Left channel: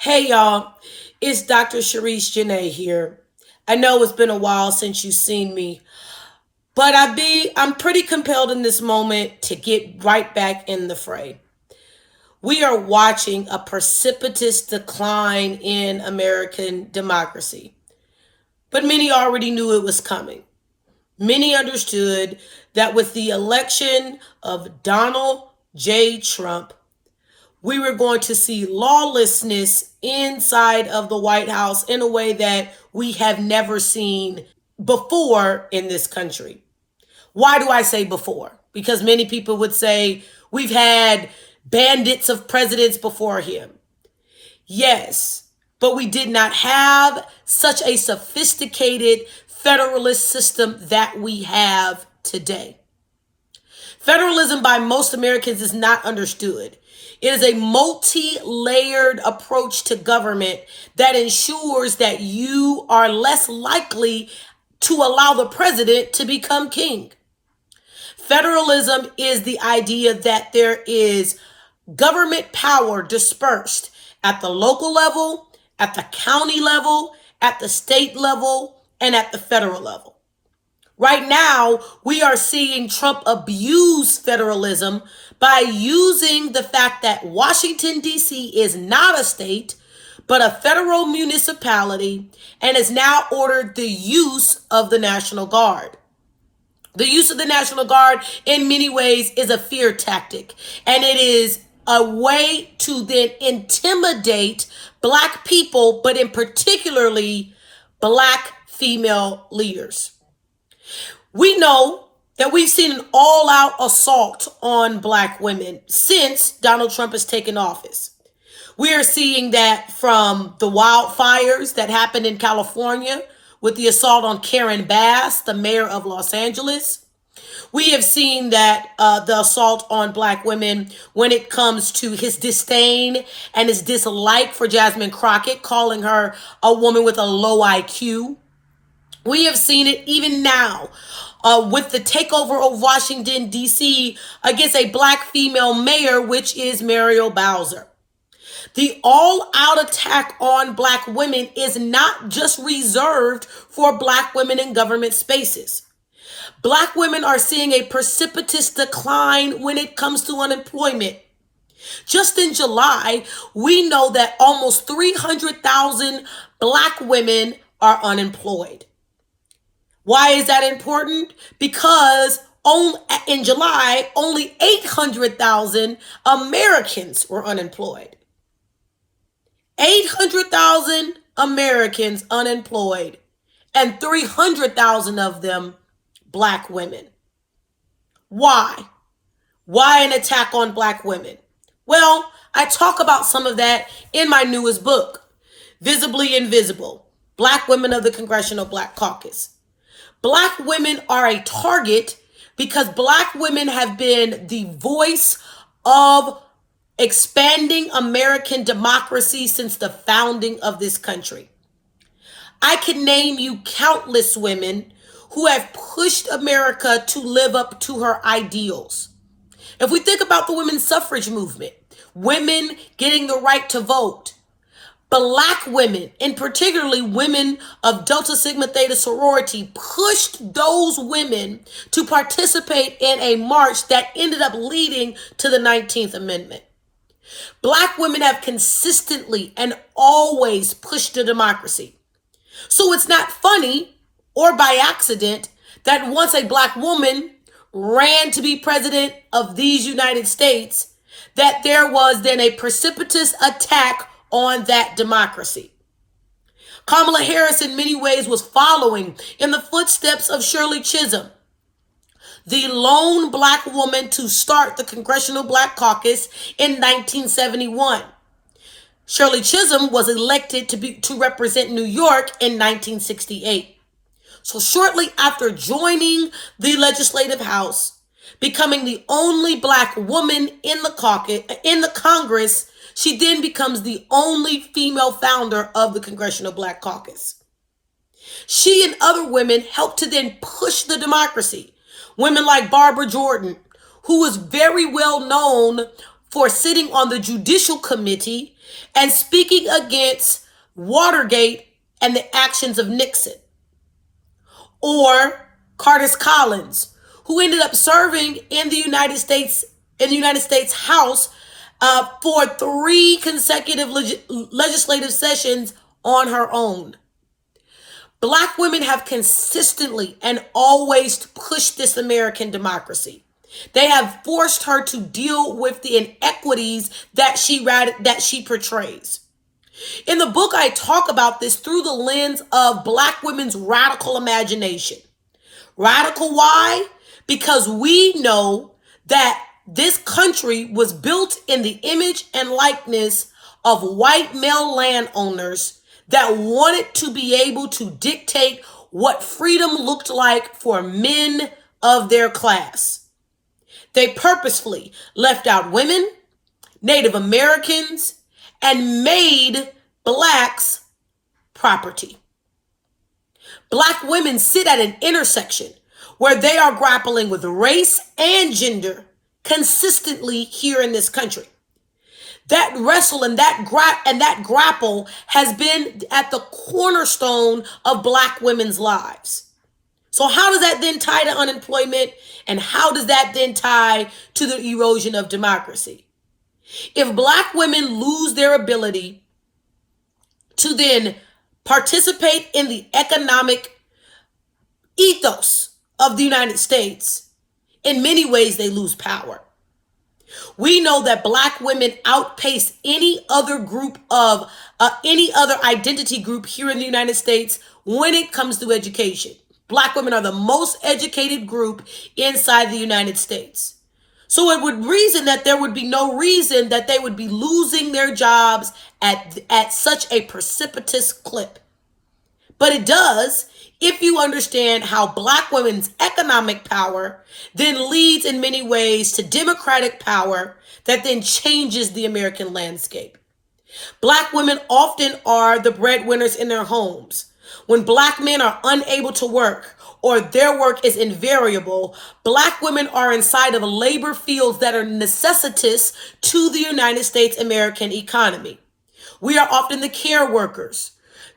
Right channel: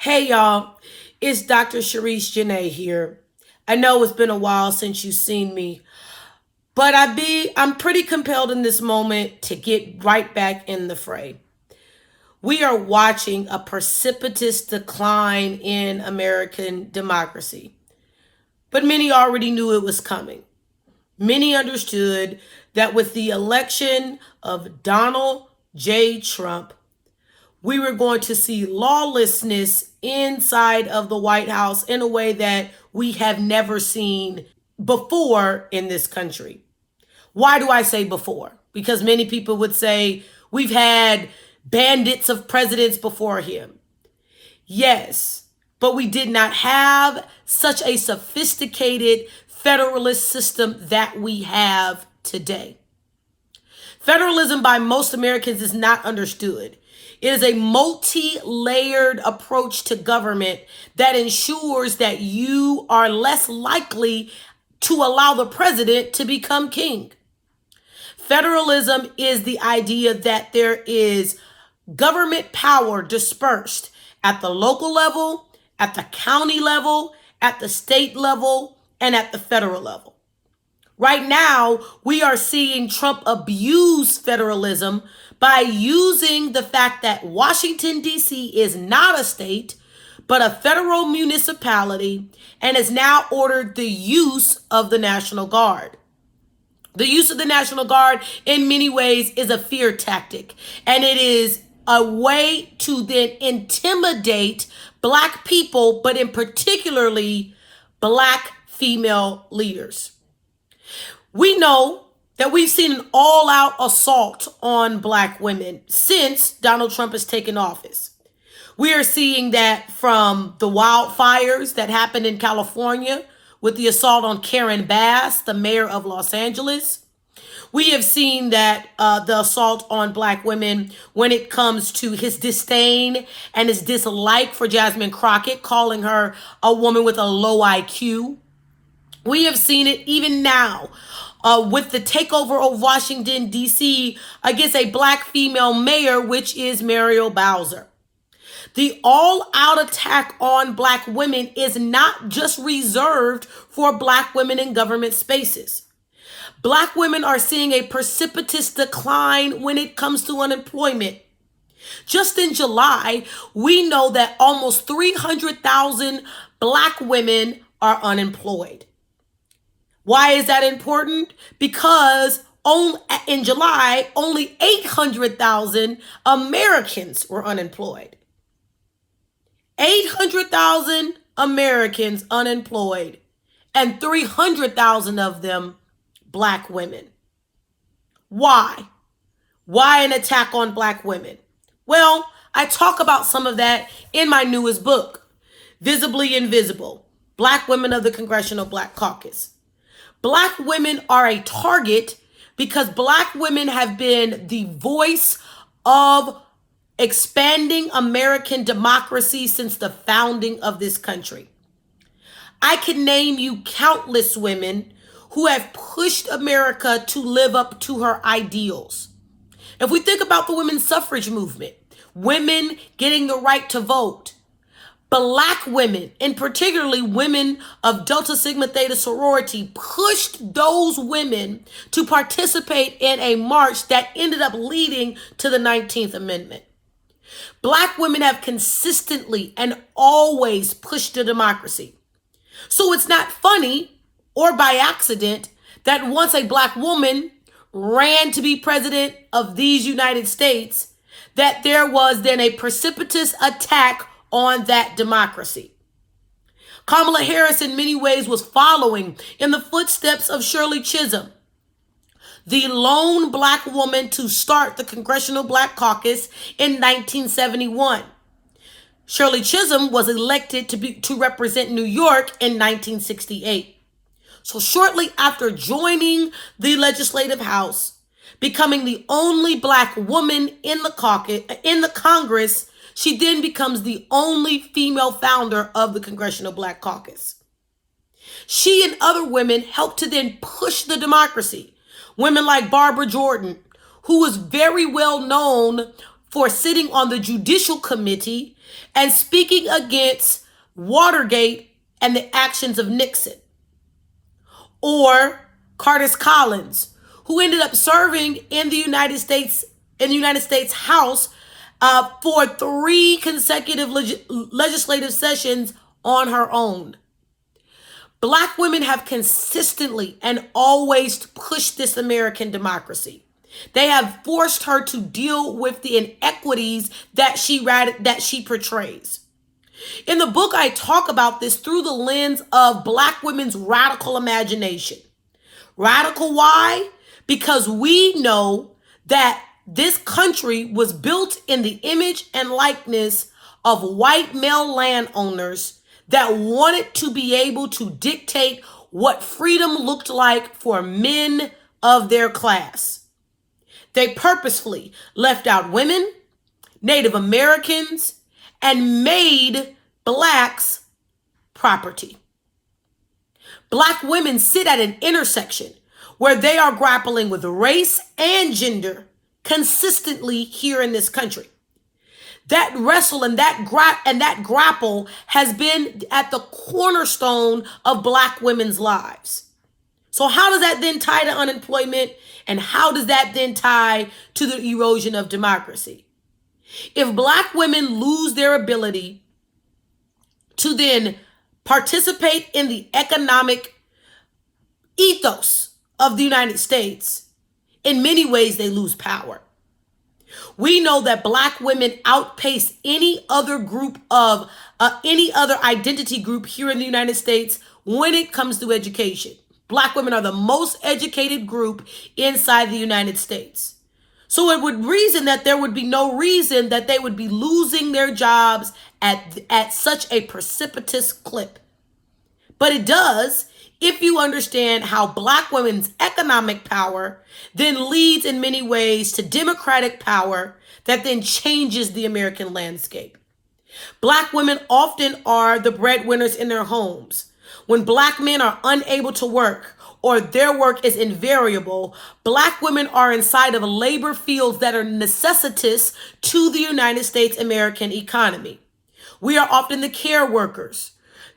Hey y'all, it's Dr. Sherice Janaye here. I know it's been a while since you've seen me, but I'm pretty compelled in this moment to get right back in the fray. We are watching a precipitous decline in American democracy, but many already knew it was coming. Many understood that with the election of Donald J. Trump, we were going to see lawlessness inside of the White House in a way that we have never seen before in this country. Why do I say before? Because many people would say we've had bandits of presidents before him. Yes, but we did not have such a sophisticated federalist system that we have today. Federalism by most Americans is not understood. It is a multi-layered approach to government that ensures that you are less likely to allow the president to become king. Federalism is the idea that there is government power dispersed at the local level, at the county level, at the state level, and at the federal level. Right now, we are seeing Trump abuse federalism by using the fact that Washington, D.C. is not a state, but a federal municipality, and has now ordered the use of the National Guard. The use of the National Guard, in many ways, is a fear tactic, and it is a way to then intimidate Black people, but in particularly Black female leaders. We know that we've seen an all-out assault on Black women since Donald Trump has taken office. We are seeing that from the wildfires that happened in California with the assault on Karen Bass, the mayor of Los Angeles. We have seen that the assault on Black women when it comes to his disdain and his dislike for Jasmine Crockett, calling her a woman with a low IQ. We have seen it even now with the takeover of Washington, D.C. against a Black female mayor, which is Muriel Bowser. The all-out attack on Black women is not just reserved for Black women in government spaces. Black women are seeing a precipitous decline when it comes to unemployment. Just in July, we know that almost 300,000 Black women are unemployed. Why is that important? Because in July, only 800,000 Americans were unemployed. 800,000 Americans unemployed, and 300,000 of them Black women. Why? Why an attack on Black women? Well, I talk about some of that in my newest book, Visibly Invisible, Black Women of the Congressional Black Caucus. Black women are a target because Black women have been the voice of expanding American democracy since the founding of this country. I can name you countless women who have pushed America to live up to her ideals. If we think about the women's suffrage movement, women getting the right to vote, Black women, and particularly women of Delta Sigma Theta sorority, pushed those women to participate in a march that ended up leading to the 19th Amendment. Black women have consistently and always pushed the democracy. So it's not funny or by accident that once a Black woman ran to be president of these United States, that there was then a precipitous attack on that democracy. Kamala Harris in many ways was following in the footsteps of Shirley Chisholm, the lone Black woman to start the Congressional Black Caucus in 1971. Shirley Chisholm was elected to represent New York in 1968. So shortly after joining the Legislative House, becoming the only Black woman in the Congress, she then becomes the only female founder of the Congressional Black Caucus. She and other women helped to then push the democracy. Women like Barbara Jordan, who was very well known for sitting on the Judicial Committee and speaking against Watergate and the actions of Nixon. Or Curtis Collins, who ended up serving in the United States House for 3 consecutive legislative sessions on her own. Black women have consistently and always pushed this American democracy. They have forced her to deal with the inequities that she portrays. In the book, I talk about this through the lens of Black women's radical imagination. Radical, why? Because we know that this country was built in the image and likeness of white male landowners that wanted to be able to dictate what freedom looked like for men of their class. They purposefully left out women, Native Americans, and made blacks property. Black women sit at an intersection where they are grappling with race and gender consistently here in this country. That wrestle and that grapple has been at the cornerstone of Black women's lives. So how does that then tie to unemployment? And how does that then tie to the erosion of democracy? If Black women lose their ability to then participate in the economic ethos of the United States, in many ways they lose power. We know that Black women outpace any other any other identity group here in the United States when it comes to education. Black women are the most educated group inside the United States. So it would reason that there would be no reason that they would be losing their jobs at such a precipitous clip. But it does if you understand how Black women's economic power then leads in many ways to democratic power that then changes the American landscape. Black women often are the breadwinners in their homes. When Black men are unable to work or their work is invariable, Black women are inside of labor fields that are necessitous to the United States American economy. We are often the care workers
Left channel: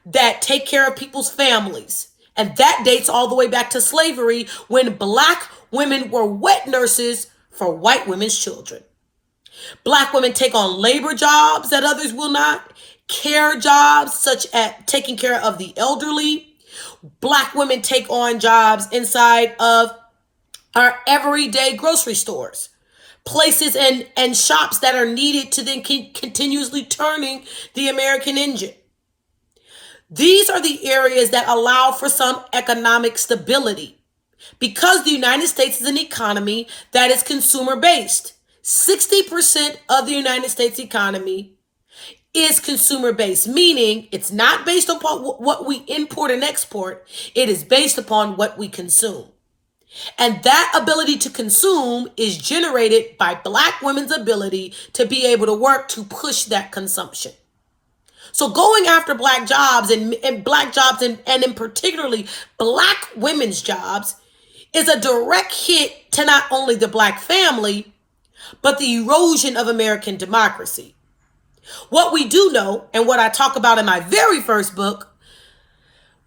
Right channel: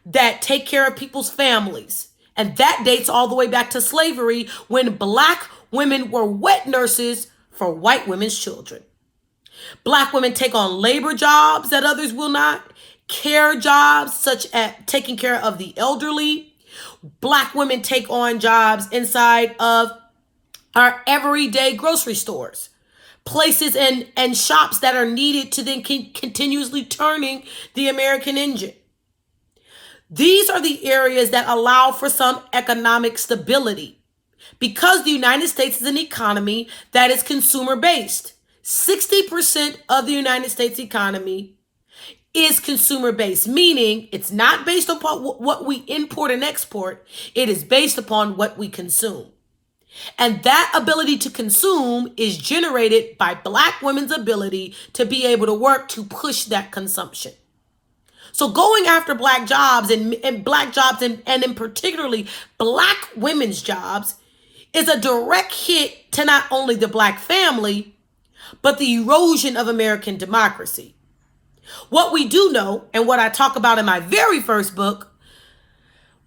that take care of people's families. And that dates all the way back to slavery when Black women were wet nurses for white women's children. Black women take on labor jobs that others will not, care jobs such as taking care of the elderly. Black women take on jobs inside of our everyday grocery stores, places and shops that are needed to then continuously turning the American engine. These are the areas that allow for some economic stability because the United States is an economy that is consumer-based. 60% of the United States economy is consumer-based, meaning it's not based upon what we import and export. It is based upon what we consume. And that ability to consume is generated by Black women's ability to be able to work to push that consumption. So going after Black jobs and Black jobs and in particularly Black women's jobs is a direct hit to not only the Black family, but the erosion of American democracy. What we do know, and what I talk about in my very first book,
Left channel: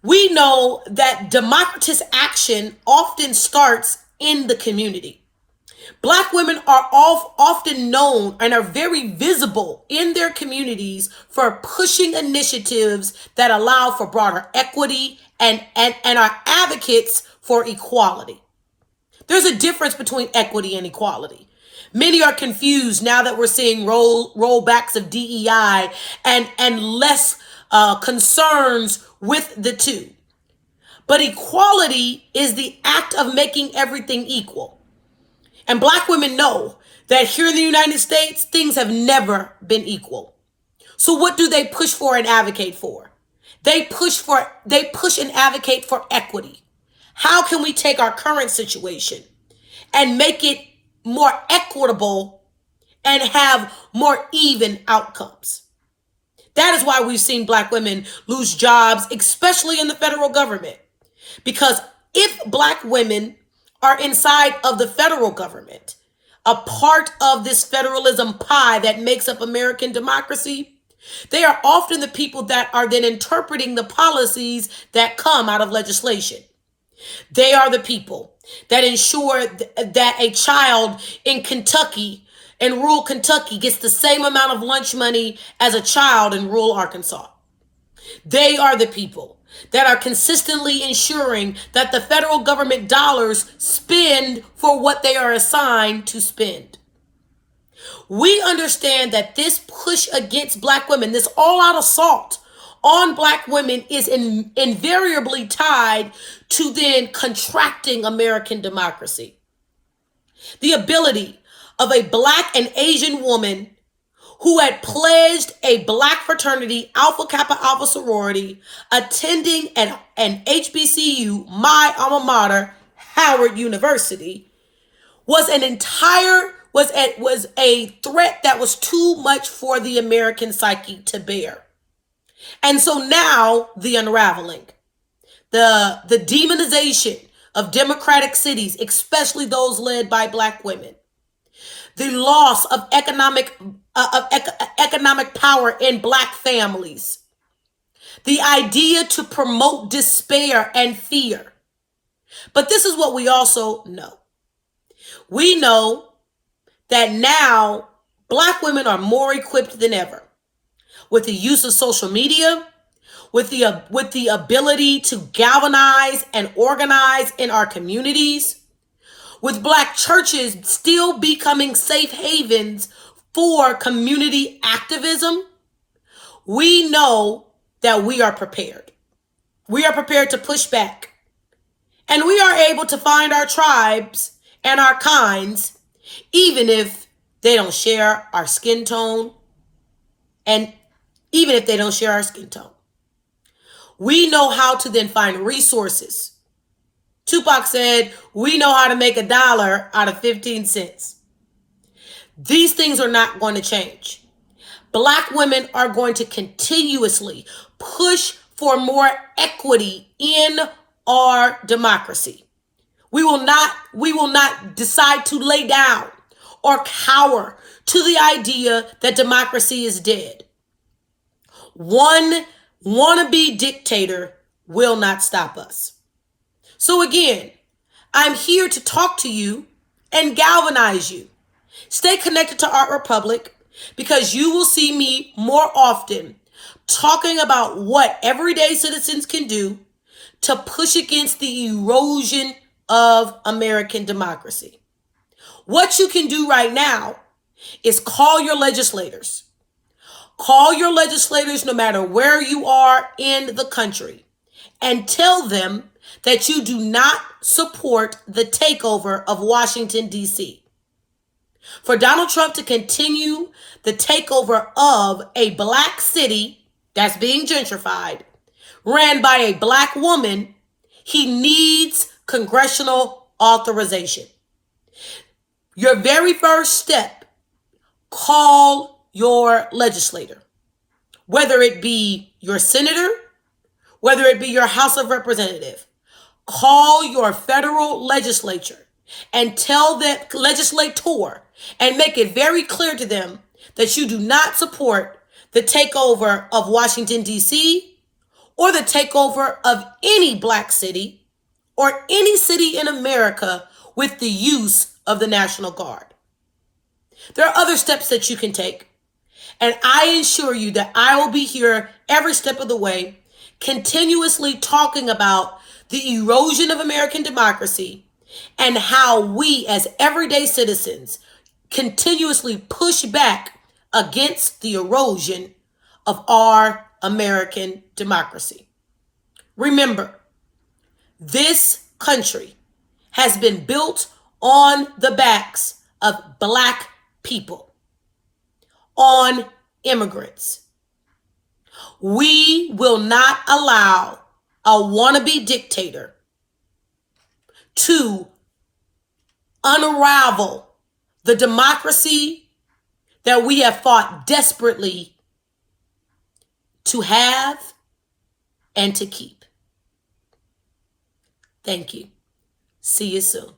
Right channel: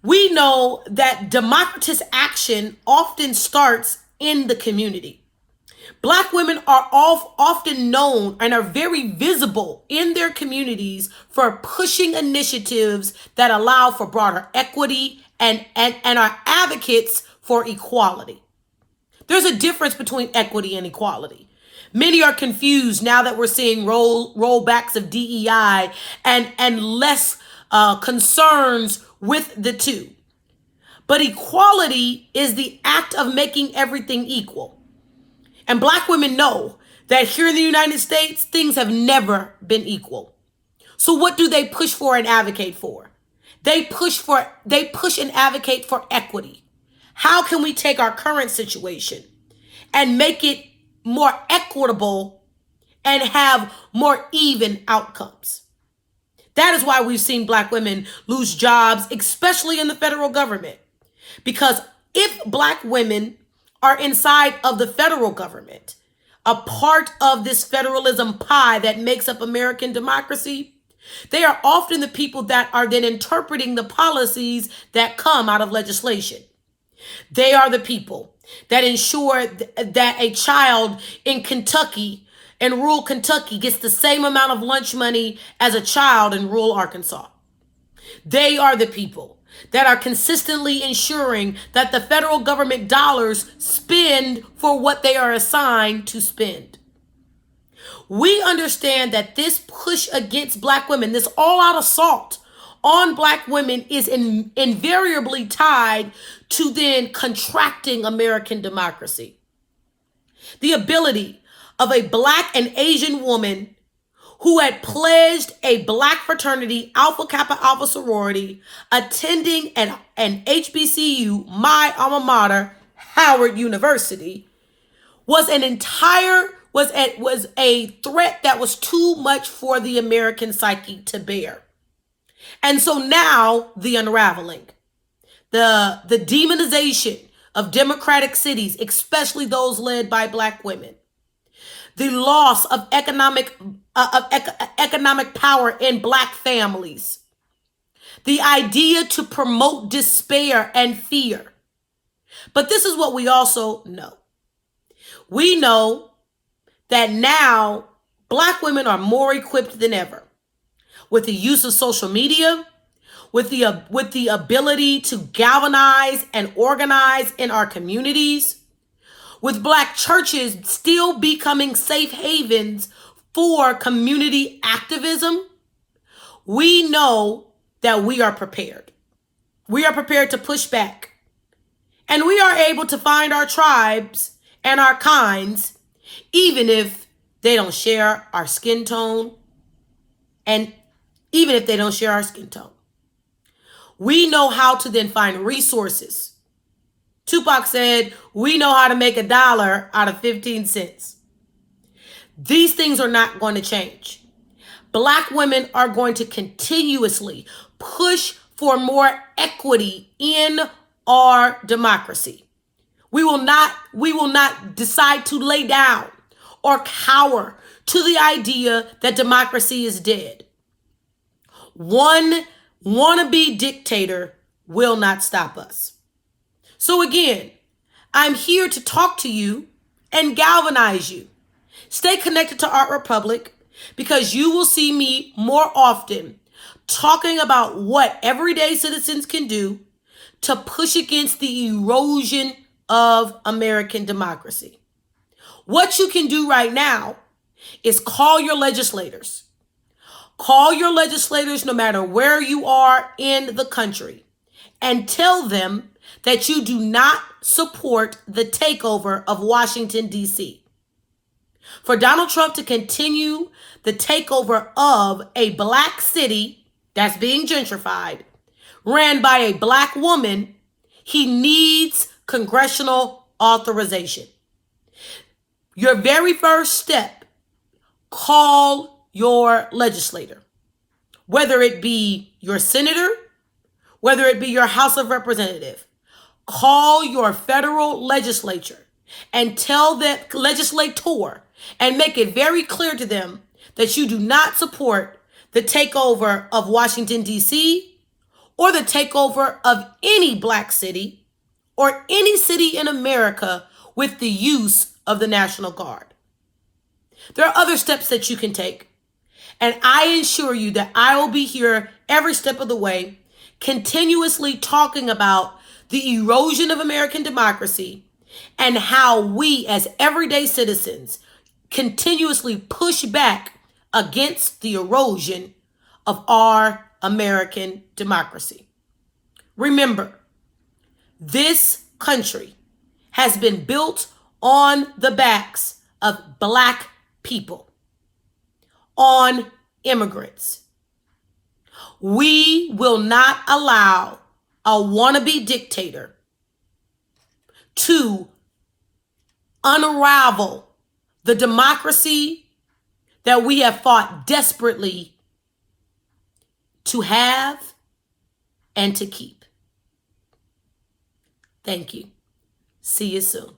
we know that democratic action often starts in the community. Black women are often known and are very visible in their communities for pushing initiatives that allow for broader equity and are advocates for equality. There's a difference between equity and equality. Many are confused now that we're seeing rollbacks of DEI and less concerns with the two. But equality is the act of making everything equal. And Black women know that here in the United States, things have never been equal. So what do they push for and advocate for? They push and advocate for equity. How can we take our current situation and make it more equitable and have more even outcomes? That is why we've seen Black women lose jobs, especially in the federal government. Because if Black women are inside of the federal government, a part of this federalism pie that makes up American democracy, they are often the people that are then interpreting the policies that come out of legislation. They are the people that ensure that a child in Kentucky, in rural Kentucky, gets the same amount of lunch money as a child in rural Arkansas. They are the people that are consistently ensuring that the federal government dollars spend for what they are assigned to spend. We understand that this push against Black women, this all-out assault on Black women, is invariably tied to then contracting American democracy. The ability of a Black and Asian woman who had pledged a Black fraternity, Alpha Kappa Alpha sorority, attending an HBCU, my alma mater, Howard University, was a threat that was too much for the American psyche to bear. And so now the unraveling, the demonization of democratic cities, especially those led by Black women, the loss of economic power in Black families, the idea to promote despair and fear. But this is what we also know. We know that now Black women are more equipped than ever with the use of social media, with the ability to galvanize and organize in our communities, with Black churches still becoming safe havens for community activism. We know that we are prepared. We are prepared to push back. And we are able to find our tribes and our kinds, even if they don't share our skin tone. And even if they don't share our skin tone, we know how to then find resources. Tupac said, we know how to make $1 out of 15 cents. These things are not going to change. Black women are going to continuously push for more equity in our democracy. We will not decide to lay down or cower to the idea that democracy is dead. One wannabe dictator will not stop us. So again, I'm here to talk to you and galvanize you. Stay connected to Art Republic, because you will see me more often talking about what everyday citizens can do to push against the erosion of American democracy. What you can do right now is call your legislators. Call your legislators no matter where you are in the country and tell them that you do not support the takeover of Washington, D.C. For Donald Trump to continue the takeover of a Black city that's being gentrified, ran by a Black woman, he needs congressional authorization. Your very first step, call your legislator, whether it be your senator, whether it be your House of Representative. Call your federal legislature and tell that legislator and make it very clear to them that you do not support the takeover of Washington, D.C., or the takeover of any Black city or any city in America with the use of the National Guard. There are other steps that you can take, and I assure you that I will be here every step of the way, continuously talking about the erosion of American democracy and how we as everyday citizens continuously push back against the erosion of our American democracy. Remember, this country has been built on the backs of Black people, on immigrants. We will not allow a wannabe dictator to unravel the democracy that we have fought desperately to have and to keep. Thank you. See you soon.